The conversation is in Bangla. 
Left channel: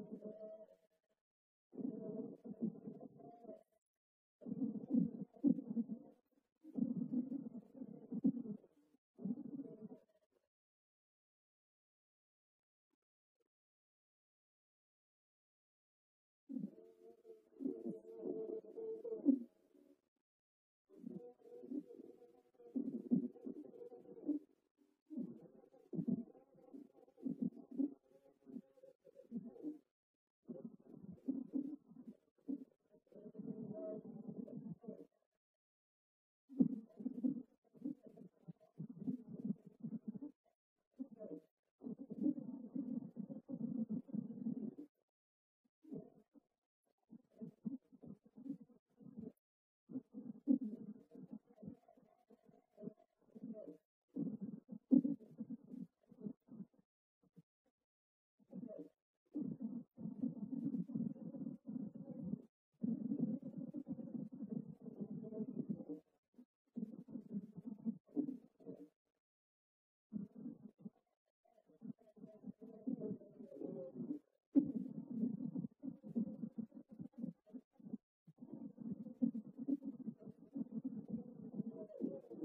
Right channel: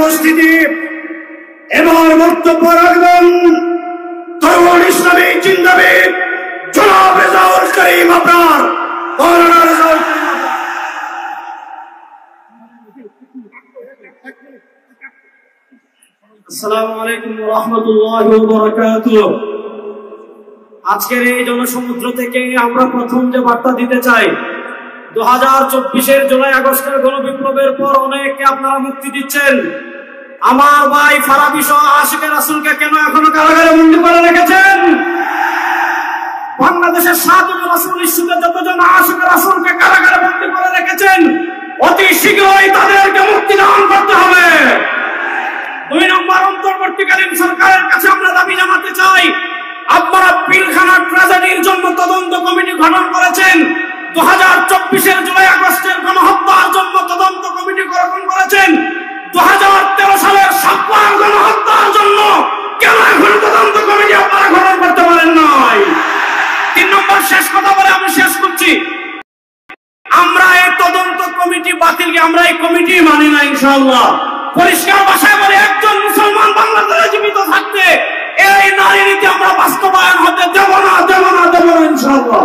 উপস্থিতি। এবার বক্তব্য রাখবেন তরুণ ইসলামী চিন্তাবিদ জনাব রেজাউল করিম আবরার। আসসালামু আলাইকুম ওয়া রাহমাতুল্লাহি ওয়া বারাকাতুহু। আজকের এই জনসমুদ্র থেকে আমরা প্রথম যে বার্তা দিতে চাই, 2024-এর জুলাই আগস্টের গণবিপ্লবের পর অনেককে আপনারা মুক্তি দিচ্ছেন। আমার ভাই ফারাবী সহ আশিকে রাসূলকে কেন এখনো কারাগারে বন্দী করে রেখেছেন? বাংলাদেশের 7 রাসূল ইস্যুতে যতজন আশিকে রাসূলকে কারাগারে বন্দী করে রেখেছেন, অতি শীঘ্রই তাদেরকে মুক্তি দান করতে হবে। 2 নম্বর, অন্তর্বর্তীকালীন সরকারের কাছে আমরা দাবি জানাতে চাই, আপনারা পিলখানা ট্র্যাজেডির জন্য তদন্ত কমিটি গঠন করেছেন, 2024-এর জুলাই আগস্টের গণহত্যার জন্য তদন্ত কমিটি গঠন করেছেন, 2013 সালের সাতবার গণহত্যার জন্য কেন এখন তদন্ত কমিটি আপনারা গঠন করতে পারেন নাই? 3 নম্বর, শেষ কথা বলে আমি শেষ করছি, আমরা এই তদন্ত কমিটি বাতিল, আমরা এই কমিটি মানি না ইনশাআল্লাহ। পরিষ্কার ভাষায় বলে, একজন মুসলমান বাংলাদেশে জীবিত থাকতে এই নারী নীতি আমরা বাস্তবায়ন হতে দেব না ইনশাআল্লাহ।